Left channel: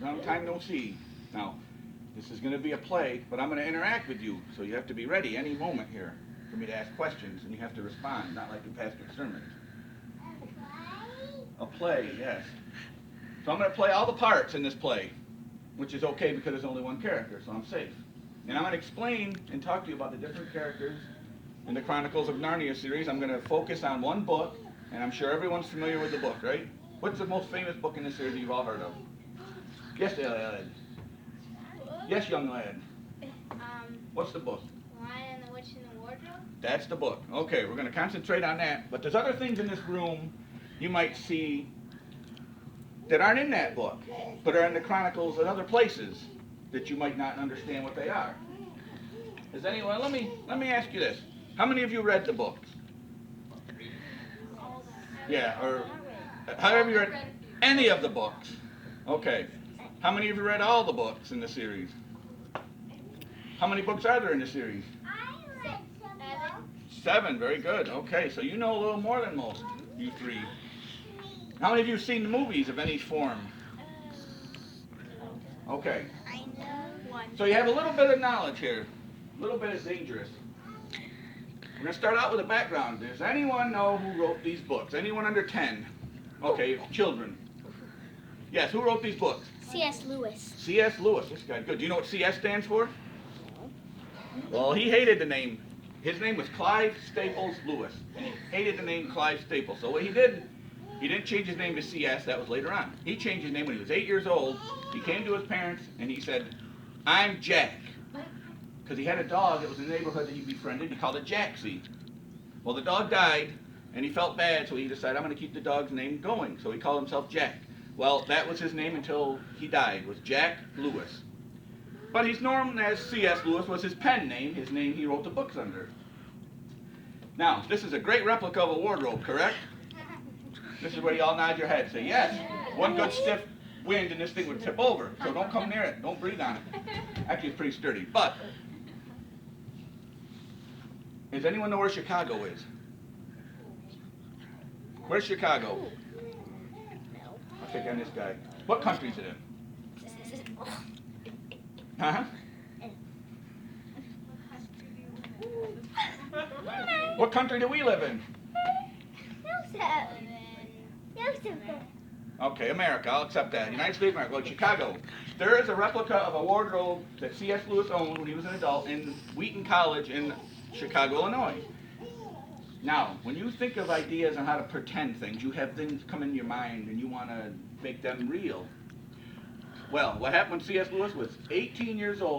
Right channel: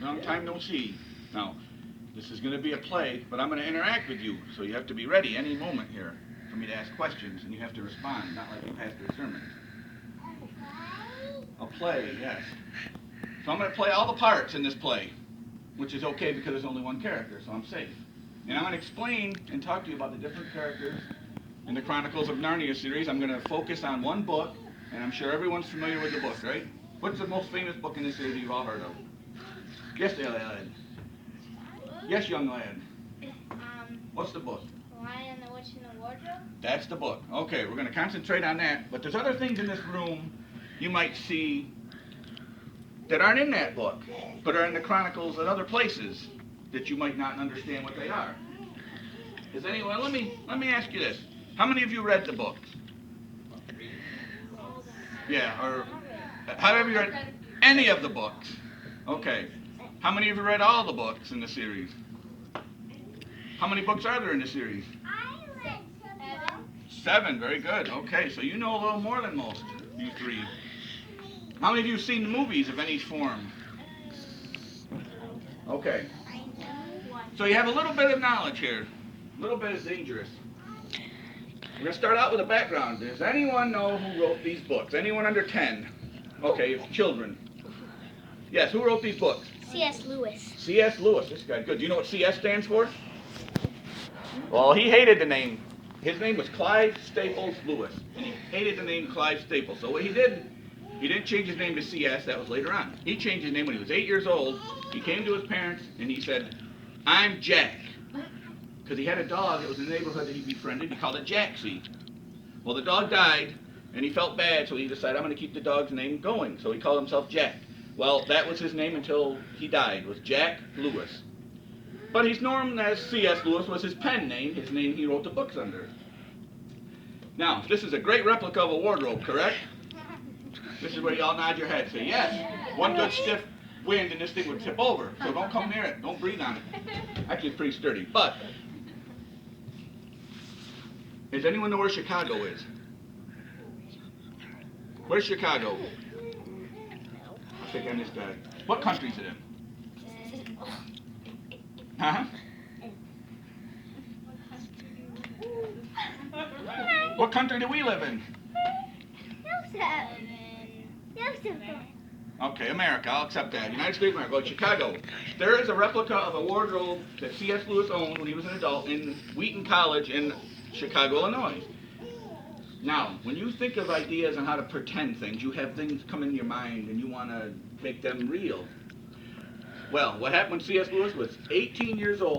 Long time no see. Now, this is going to be a play, but I'm going to interact with you, so you have to be ready any moment here for me to ask questions, and you have to respond, not like you pastor sermons. A play, yes. So I'm going to play all the parts in this play, which is okay because there's only one character, so I'm safe. And I'm going to explain and talk to you about the different characters in the Chronicles of Narnia series. I'm going to focus on one book, and I'm sure everyone's familiar with the book, right? What's the most famous book in this series you've all heard of? Yes, lad. Yes, young lad. What's the book? Lion and the Witch in the Wardrobe? That's the book. Okay, we're going to concentrate on that. But there's other things in this room you might see that aren't in that book, but are in the Chronicles and other places that you might not understand what they are. Is anyone? Let me ask you this: how many of you read the books? Yeah, or have you read any of the books? Okay. How many of you read all the books in the series? How many books are there in the series? 7. Very good. Okay, so you know a little more than most, you three. How many of you have seen the movies of any form? Okay. I know one. So you have a little bit of knowledge here. A little bit is dangerous. We're going to start out with a background. Does anyone know who wrote these books? Anyone under 10? Okay, children. Yes, who wrote these books? C.S. Lewis. C.S. Lewis. This guy, good. Do you know what C.S. stands for? Well, he hated the name. His name was Clive Staples Lewis. And he hated the name Clive Staples. So what he did, he didn't change his name to C.S. That was later on. He changed his name when he was 8 years old. He came to his parents and he said, "I'm Jack." Because he had a dog that was in the neighborhood that he befriended. He called it Jacksy. Well, the dog died and he felt bad, so he decided, I'm going to keep the dog's name going. So he called himself Jack. Well, that was his name until he died, was Jack Lewis. But he's known as C.S. Lewis, was his pen name, his name he wrote the books under. Now, this is a great replica of a wardrobe, correct? This is where you all nod your head, say yes. One good stiff wind and this thing would tip over, so don't come near it, don't breathe on it. Actually, it's pretty sturdy, but does anyone know where Chicago is? Where's Chicago? I'll take on this guy. What country is it in? Huh? What country do we live in? Okay, America. I'll accept that. United States of America. Well, Chicago. There is a replica of a wardrobe that C.S. Lewis owned when he was an adult in Wheaton College in Chicago, Illinois. Now, when you think of ideas on how to pretend things, you have things come in your mind and you want to make them real. Well, what happened when C.S. Lewis was 18 years old?